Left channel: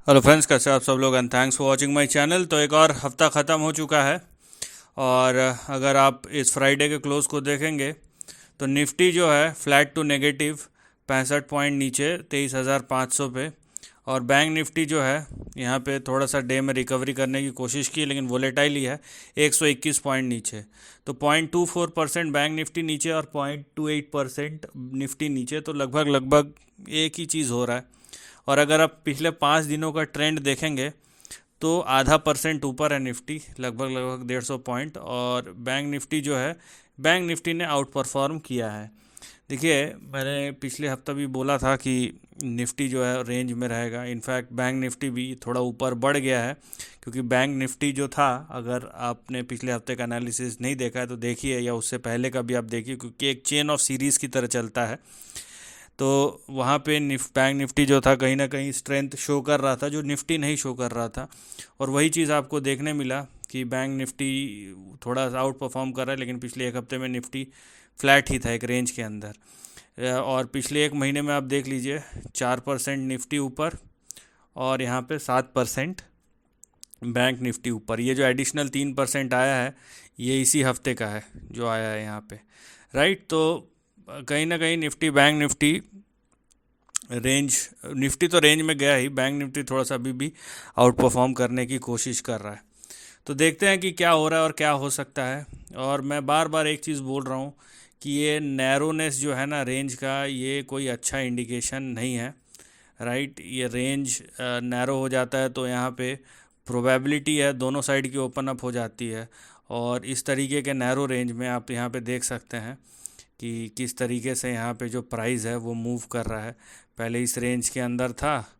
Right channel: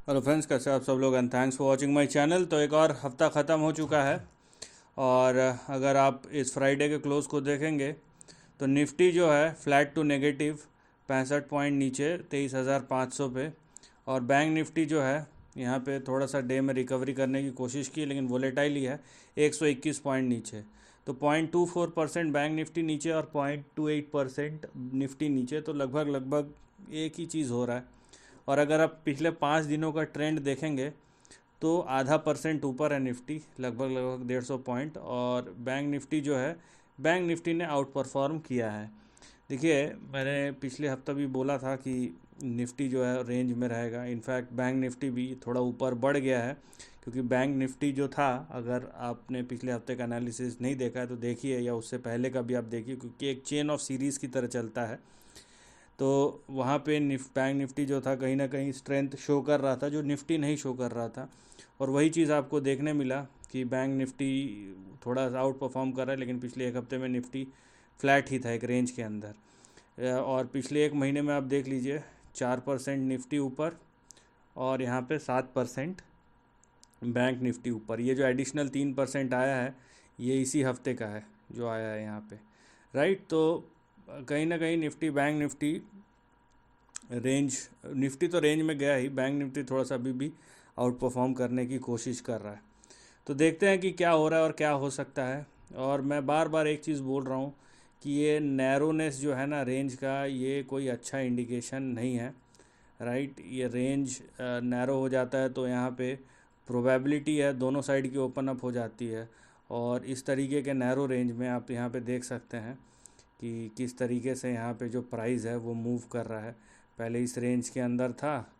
Hello friends, कैसे आप सब लोग and thanks for watching my channel. तो एक और हफ्ता ख़त्म हो चुका है और अगर आप इस फ्राइडे के क्लोज को देखेंगे तो निफ्टी जो है फ्लैट टू नेगेटिव 65 पॉइंट नीचे 23,500 पे। और बैंक निफ्टी जो है यहाँ पे थोड़ा सा डे में रिकवरी करने की कोशिश की, लेकिन वोलेटाइल ही है, 121 पॉइंट नीचे। तो 0.24% बैंक निफ्टी नीचे और 0.28% निफ्टी नीचे, तो लगभग लगभग एक ही चीज़ हो रहा है। और अगर आप पिछले 5 दिनों का ट्रेंड देखेंगे तो आधा परसेंट ऊपर है निफ्टी, लगभग लगभग 150 पॉइंट। और बैंक निफ्टी जो है, बैंक निफ्टी ने आउट परफॉर्म किया है। देखिए, मैंने पिछले हफ्ता भी बोला था कि निफ्टी जो है रेंज में रहेगा। इनफैक्ट बैंक निफ्टी भी थोड़ा ऊपर बढ़ गया है, क्योंकि बैंक निफ्टी जो था, अगर आपने पिछले हफ्ते का एनालिसिस नहीं देखा है तो देखिए, या उससे पहले का भी आप देखिए, क्योंकि एक चेन ऑफ सीरीज़ की तरह चलता है। तो वहाँ पे बैंक निफ्टी जो था कहीं ना कहीं स्ट्रेंथ शो कर रहा था, जो निफ्टी नहीं शो कर रहा था। और वही चीज़ आपको देखने मिला कि बैंक निफ्टी थोड़ा सा आउट परफॉर्म कर रहा है, लेकिन पिछले एक हफ्ते में निफ्टी फ्लैट ही था एक रेंज के अंदर। और पिछले एक महीने में आप देख लीजिए, 4% निफ्टी ऊपर और यहाँ पे 7% बैंक निफ्टी ऊपर। ये जो एडिशनल 3% आया है, ये इसी हफ्ते का है जो आया है यहाँ पे, राइट। तो कहीं ना कहीं Nifty bank Nifty range, Nifty तो रेंज में गया ही, बैंक निफ्टी थोड़ा सा अभी भी आउट परफॉर्म करने की कोशिश कर रहा है। तो देखते हैं कि क्या हो रहा है और क्या हो सकता है। और मैं बार बार एक चीज़ बोल रहा हूँ कि ये नैरोनेस जो है ना रेंज का, ये कोई अच्छा इंडिकेशन नहीं है, राइट। ये रेंज नैरो हो जाता है तो यहाँ पे प्रोबेबिलिटी है दोनों साइड की ओपन अप हो जाती है। और इस तरीके के नैरो रेंज में आप यहाँ पे देख सकते हैं कि किस तरीके से यहाँ पे जो प्राइस है वो मूव कर रहा है। पहले इस रेंज के अंदर था,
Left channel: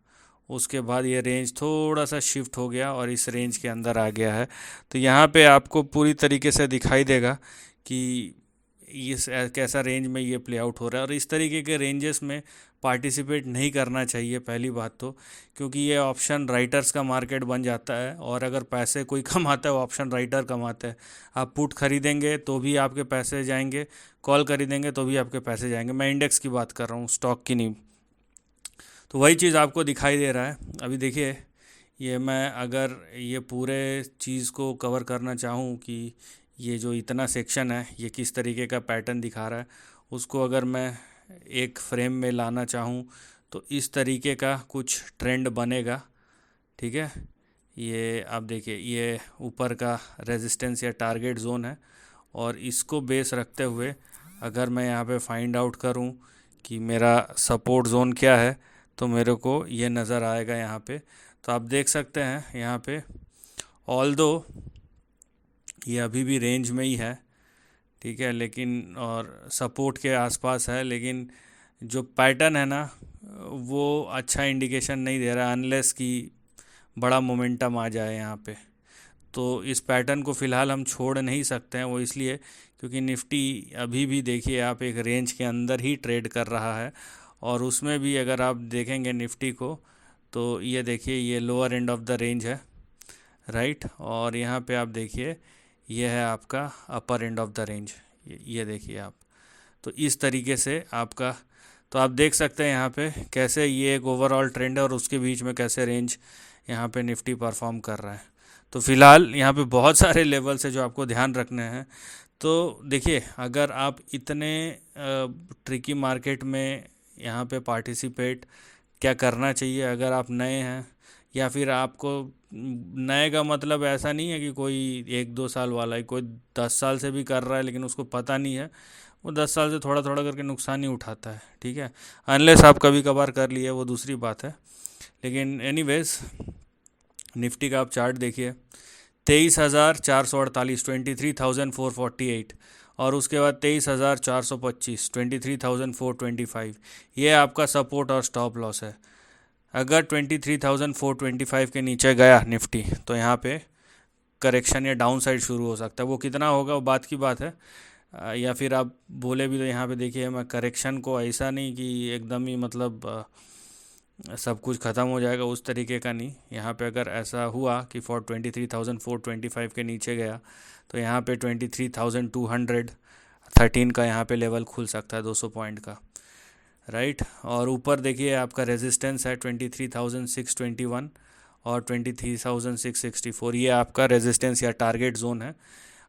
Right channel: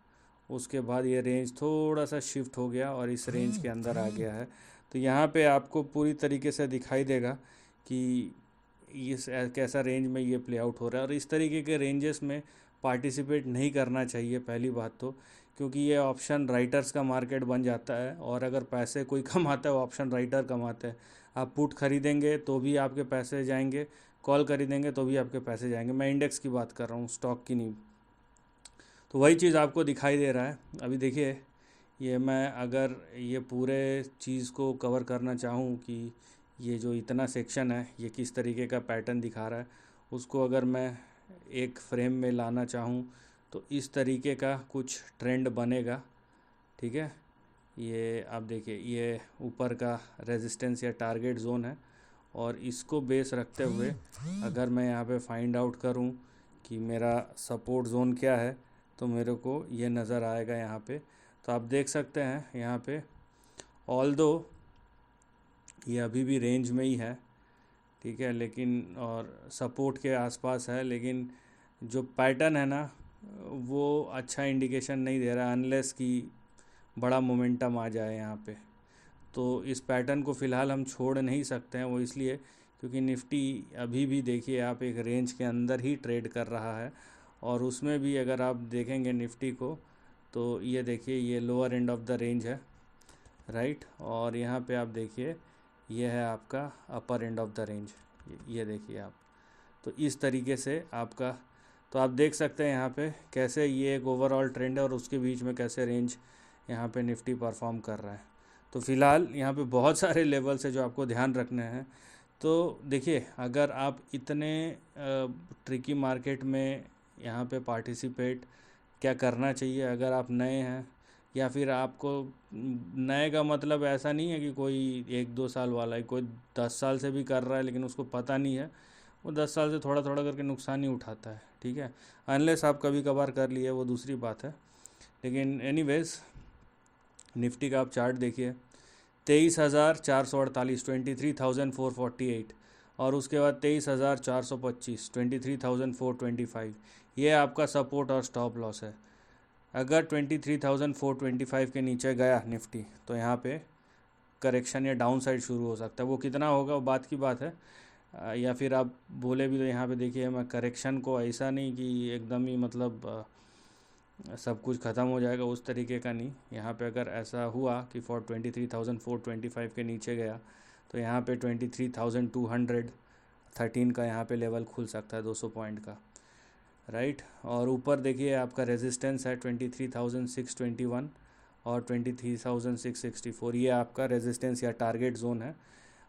उसके बाद ये रेंज थोड़ा सा शिफ्ट हो गया और इस रेंज के अंदर आ गया है। तो यहाँ पे आपको पूरी तरीके से दिखाई देगा कि इस कैसा रेंज में ये प्ले आउट हो रहा है। और इस तरीके के रेंजेस में पार्टिसिपेट नहीं करना चाहिए, पहली बात तो, क्योंकि ये ऑप्शन राइटर्स का मार्केट बन जाता है। और अगर पैसे कोई कमाता है, वो ऑप्शन राइटर कमाता है। आप पुट खरीदेंगे तो भी आपके पैसे जाएंगे, कॉल खरीदेंगे तो भी आपके पैसे जाएंगे। मैं इंडेक्स की बात कर रहा हूँ, स्टॉक की नहीं। तो वही चीज़ आपको दिखाई दे रहा है। अभी देखिए, ये मैं अगर ये पूरे चीज़ को कवर करना चाहूँ कि ये जो इतना सेक्शन है ये किस तरीके का पैटर्न दिखा रहा है, उसको अगर मैं एक फ्रेम में लाना चाहूँ तो इस तरीके का कुछ ट्रेंड बनेगा, ठीक है। ये आप देखिए, ये ऊपर का रेजिस्टेंस या टारगेट जोन है, और इसको बेस रखते हुए अगर मैं यहाँ पे फाइंड आउट करूँ कि मेरा सपोर्ट जोन क्या है, तो मेरे को ये नज़र आएगा यहाँ पे। तो आप देख सकते हैं यहाँ पे, ऑल दो ये अभी भी रेंज में ही है, ठीक है, लेकिन और सपोर्ट के आसपास है, लेकिन जो पैटर्न है ना वो अच्छा इंडिकेशन नहीं दे रहा, अनलेस कि बड़ा मोमेंटम आ जाए यहाँ पे। तो इस पैटर्न को फ़िलहाल हम छोड़ नहीं सकते हैं, वो इसलिए क्योंकि निफ्टी अभी भी देखिए आप एक रेंज के अंदर ही ट्रेड कर रहा है। और उसमें भी अगर आप देखेंगे निफ्टी को, तो ये देखिए, ये lower end of the range है, राइट। और यहाँ पे आप देखिए, ये है आपका अपर एंड ऑफ द रेंज, ये देखिए आप। तो इस तरीके से आपका, तो आप देख सकते हैं यहाँ पे कैसे ये एक ओवरऑल ट्रेंड है और उसके बीच में कैसे रेंज यहाँ पे निफ्टी परफॉर्म कर रहा है। तो फ़िलहाल यहाँ पे बहुत सारे लेवल्स है जो आपको ध्यान रखने हैं। तो देखिए, अगर आप इतने ट्रिकी मार्केट में यहाँ पे पार्टिसिपेट क्या करना चाहिए, अगर आप नए हैं, या फिर आपको, नए का मतलब ऐसा नहीं है कि कोई 1-2 साल वाला है, कोई 10 साल से भी कर रहा है लेकिन उसको पता नहीं है, वो 10 साल से थोड़ा थोड़ा करके नुकसान ही उठाता है, ठीक है। अनलेस आप कभी कभार कर लिए, वो दूसरी बात है। लेकिन एनीवेज, निफ्टी का आप चार्ट देखिए, 23,448, 23,448। और उसके बाद 23,425, 23,425। ये आपका सपोर्ट और स्टॉप लॉस है। अगर 23,425 के नीचे गया निफ्टी, तो यहाँ पे करेक्शन या डाउन साइड शुरू हो सकता है। वो कितना होगा वो बात की बात है। या फिर आप बोले भी तो यहाँ पे देखिए, मैं करेक्शन को ऐसा नहीं कि एकदम ही मतलब सब कुछ ख़त्म हो जाएगा, उस तरीके का नहीं। यहाँ पे अगर ऐसा हुआ कि 23,425 के नीचे गया, तो यहाँ पे 23,213 का यहाँ पे लेवल खुल सकता है, 200 पॉइंट का, राइट। और ऊपर देखिए आपका रेजिस्टेंस है 23,621, और 23,664 ये आपका रेजिस्टेंस या टारगेट जोन है।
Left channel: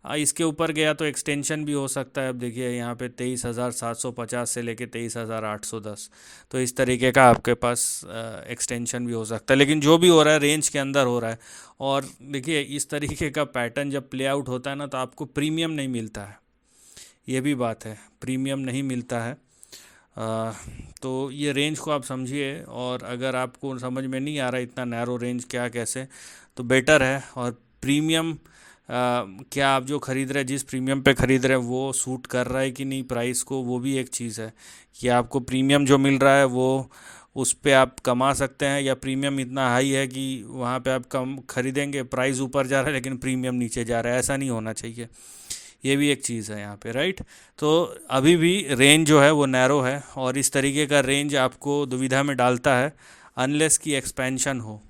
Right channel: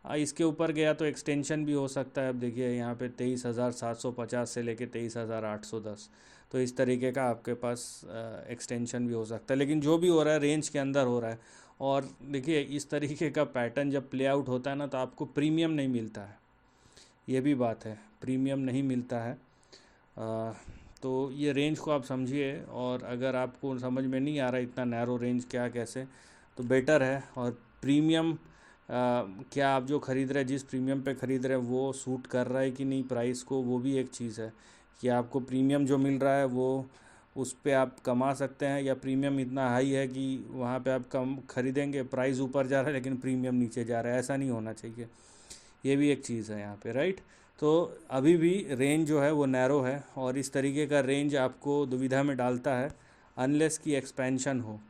इसके ऊपर गया तो एक्सटेंशन भी हो सकता है। अब देखिए यहाँ पे 23,750 से लेके 23,810, तो इस तरीके का आपके पास एक्सटेंशन भी हो सकता है, लेकिन जो भी हो रहा है रेंज के अंदर हो रहा है। और देखिए इस तरीके का पैटर्न जब प्ले आउट होता है ना, तो आपको प्रीमियम नहीं मिलता है, ये भी बात है, प्रीमियम नहीं मिलता है। तो ये रेंज को आप समझिए, और अगर आपको समझ में नहीं आ रहा इतना नैरो रेंज क्या कैसे, तो बेटर है। और प्रीमियम क्या आप जो ख़रीद रहे हैं, जिस प्रीमियम पे ख़रीद रहे हैं वो सूट कर रहा है कि नहीं प्राइस को, वो भी एक चीज़ है कि आपको प्रीमियम जो मिल रहा है वो उस पे आप कमा सकते हैं, या प्रीमियम इतना हाई है कि वहाँ पे आप कम ख़रीदेंगे, प्राइस ऊपर जा रहा है लेकिन प्रीमियम नीचे जा रहा है। ऐसा नहीं होना चाहिए, ये भी एक चीज़ है यहाँ पे, राइट। तो अभी भी रेंज जो है वो नैरो है, और इस तरीके का रेंज आपको दुविधा में डालता है अनलेस की एक्सपेंशन हो,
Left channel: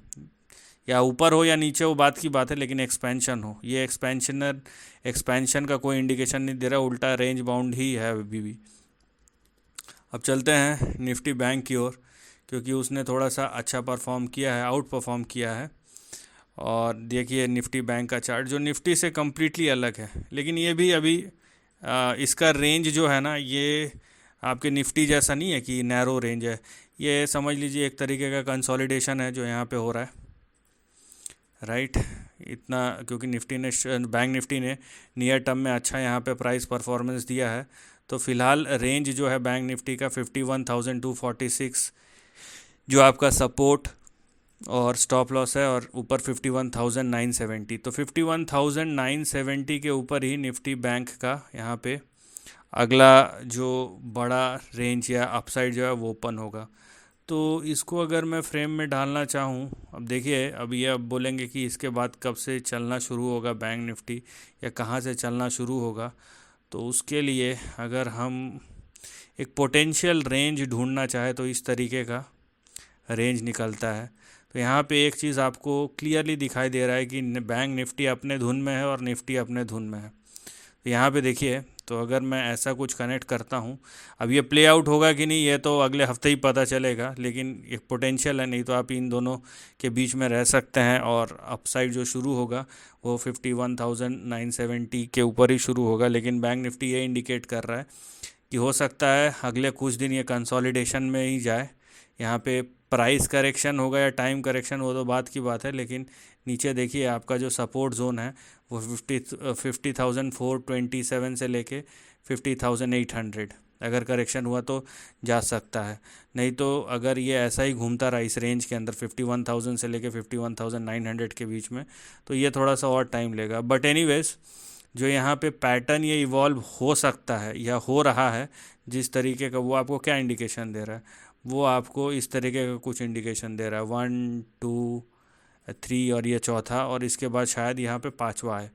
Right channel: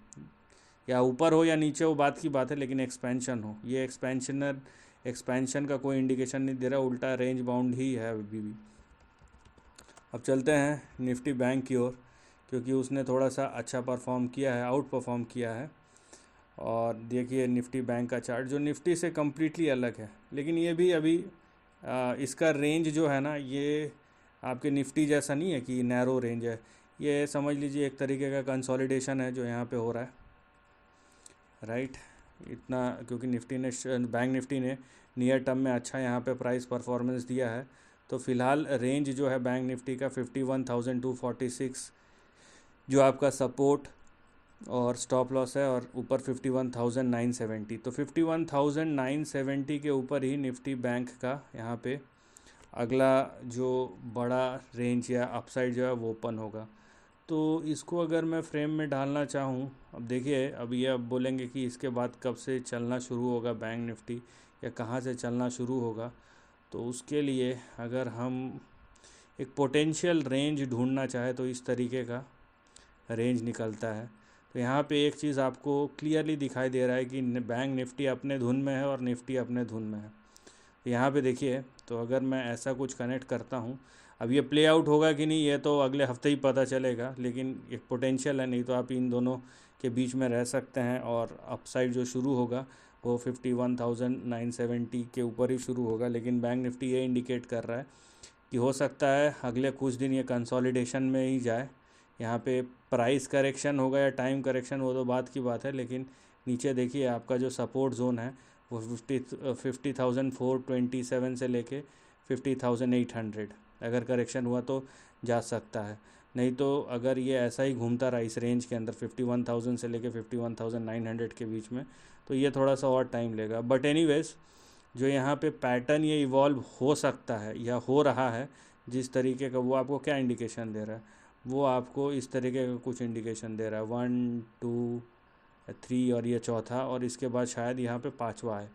या ऊपर हो या नीचे हो बात की बात है, लेकिन एक्सपेंशन हो। ये एक्सपेंशन का कोई इंडिकेशन नहीं दे रहा, उल्टा रेंज बाउंड ही है अभी भी। अब चलते हैं निफ्टी बैंक की ओर, क्योंकि उसने थोड़ा सा अच्छा परफॉर्म किया है, आउट परफॉर्म किया है। और देखिए निफ्टी बैंक का चार्ट जो निफ्टी से कम्प्लीटली अलग है, लेकिन ये भी अभी इसका रेंज जो है ना, ये आपके निफ्टी जैसा नहीं है कि नैरो रेंज है। ये समझ लीजिए एक तरीके का कंसोलिडेशन है जो यहाँ पे हो रहा है, राइट। इतना क्योंकि बैंक निफ्टी ने नियर टर्म में अच्छा यहाँ पे प्राइस परफॉर्मेंस दिया है, तो फ़िलहाल रेंज जो है बैंक निफ्टी का 51,246 जो आपका सपोर्ट और स्टॉप लॉस है, और ऊपर 51,970। तो 51,970 के ऊपर ही निफ्टी बैंक का यहाँ पे अगला जो बड़ा रेंज या अपसाइड जो है वो ओपन होगा। तो इसको अगर मैं फ्रेम में डालना चाहूँ, अब देखिए अब ये अब बोलेंगे कि इसके बाद कब से चलना शुरू होगा बैंक निफ्टी, या कहाँ से चलना शुरू होगा। तो उसके लिए अगर हम एक पोटेंशियल रेंज ढूंढना चाहे तो इस तरीके का रेंज निकलता है। तो यहाँ पे एक चीज़ आपको क्लियरली दिखाई दे रहा है कि बैंक निफ्टी अपने धुन में है और निफ्टी अपने धुन में है। तो यहाँ पे देखिए, तो अगर मैं ऐसा कुछ कनेक्ट करता हूँ, अब ये प्ले आउट होगा कि नहीं ये तो अगले हफ्ते ही पता चलेगा, लेकिन एक पोटेंशियल है, नहीं तो आप इन दोनों के बीच में रह सकते हैं। और अपसाइड जो शुरू होगा वो 51,970 के ऊपर ही शुरू होगा, लेकिन बैंक निफ्टी ये इंडिकेट कर रहा है कि हो सकता है अगले कुछ दिन ये कंसोलिडेशन में ही जाए। यहाँ पे प्राइस करेक्शन होगा या टाइम करेक्शन, वो तो बात की बात है, लेकिन नीचे देखिए आपका जो सपोर्ट जोन है वो 50,427 से लेके 50,800, अगर करेक्शन हुआ तो जा सकता है। नहीं तो अगर ये ऐसा ही घूमता रहा इस रेंज के अंदर 51,000 से लेके 51,900 के बीच में, तो ये थोड़ा सा और टाइम लेगा। बट एनीवेज जो यहाँ पे पैटर्न ये इवॉल्व हो सकता है या हो रहा है जिस तरीके का, वो आपको क्या इंडिकेशन दे रहा है, वो आपको इस तरीके का कुछ इंडिकेशन दे रहा है, 1 2 3 और ये चौथा, और इसके बाद शायद यहाँ पे पांचवा है।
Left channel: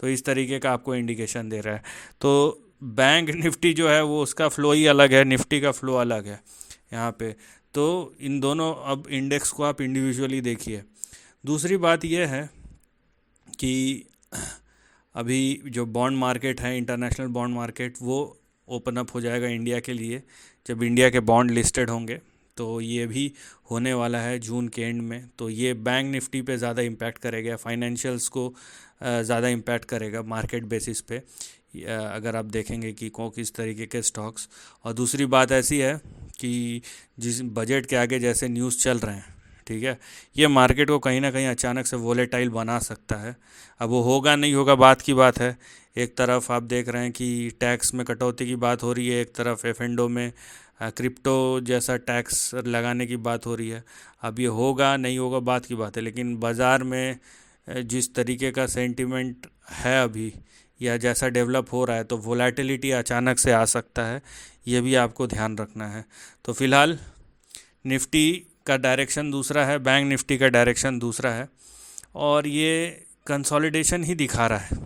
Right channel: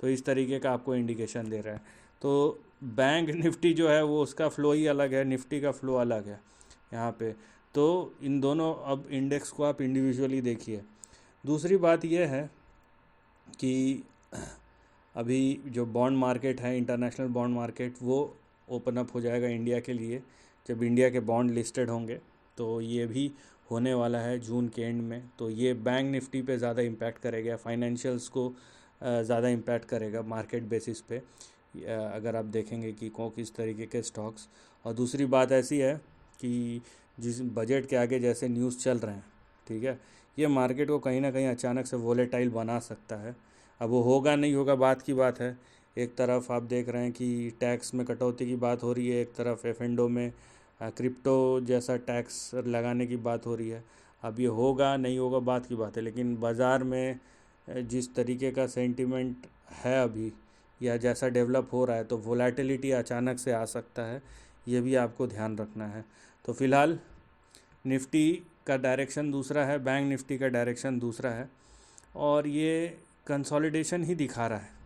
तो इस तरीके का आपको इंडिकेशन दे रहा है। तो बैंक निफ्टी जो है वो उसका फ़्लो ही अलग है, निफ्टी का फ़्लो अलग है यहाँ पे। तो इन दोनों अब इंडेक्स को आप इंडिविजुअली देखिए। दूसरी बात यह है कि अभी जो बॉन्ड मार्केट है, इंटरनेशनल बॉन्ड मार्केट, वो ओपन अप हो जाएगा इंडिया के लिए जब इंडिया के बॉन्ड लिस्टेड होंगे। तो ये भी होने वाला है जून के एंड में। तो ये बैंक निफ्टी पे ज़्यादा इम्पैक्ट करेगा, फाइनेंशियल्स को ज़्यादा इम्पैक्ट करेगा मार्केट बेसिस पे, अगर आप देखेंगे कि किस तरीके के स्टॉक्स। और दूसरी बात ऐसी है कि जिस बजट के आगे जैसे न्यूज़ चल रहे हैं, ठीक है, ये मार्केट को कहीं ना कहीं अचानक से वोलेटाइल बना सकता है। अब वो होगा नहीं होगा बात की बात है। एक तरफ आप देख रहे हैं कि टैक्स में कटौती की बात हो रही है, एक तरफ एफ&ओ में क्रिप्टो जैसा टैक्स लगाने की बात हो रही है। अब ये होगा नहीं होगा बात की बात है, लेकिन बाज़ार में जिस तरीके का सेंटिमेंट है अभी, या जैसा डेवलप हो रहा है, तो वोलेटिलिटी अचानक से आ सकता है, ये भी आपको ध्यान रखना है। तो फ़िलहाल निफ्टी का डायरेक्शन दूसरा है, बैंक निफ्टी का डायरेक्शन दूसरा है, और ये कंसोलिडेशन ही दिखा रहा है।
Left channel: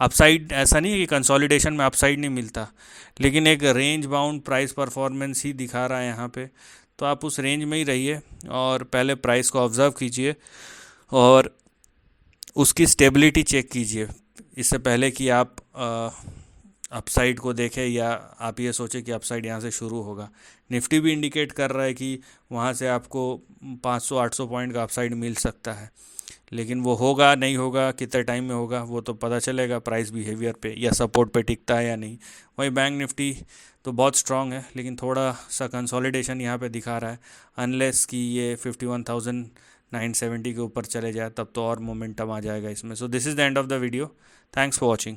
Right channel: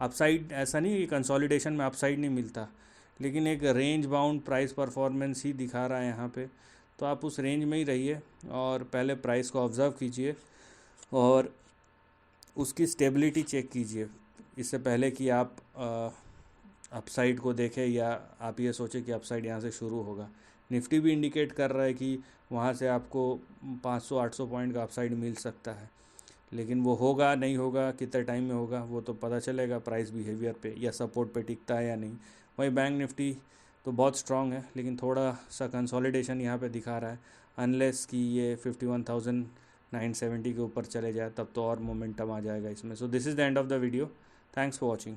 अपसाइड ऐसा नहीं है कि कंसोलिडेशन में अपसाइड नहीं मिलता, लेकिन एक रेंज बाउंड प्राइस परफॉर्मेंस ही दिखा रहा है यहाँ पे। तो आप उस रेंज में ही रहिए और पहले प्राइस को ऑब्ज़र्व कीजिए और उसकी स्टेबिलिटी चेक कीजिए, इससे पहले कि आप अपसाइड को देखें या आप ये सोचें कि अपसाइड यहाँ से शुरू होगा। निफ्टी भी इंडिकेट कर रहा है कि वहाँ से आपको 500-800 पॉइंट का अपसाइड मिल सकता है, लेकिन वो होगा नहीं होगा, कितने टाइम में होगा, वो तो पता चलेगा प्राइस बिहेवियर पे या सपोर्ट पे टिकता है या नहीं। वही बैंक निफ्टी तो बहुत स्ट्रांग है, लेकिन थोड़ा सा कंसोलिडेशन यहाँ पे दिखा रहा है। अनलेस कि ये 51,970 के ऊपर चले जाए, तब तो और मोमेंटम आ जाएगा इसमें। So this is the end of the video. Thanks for watching.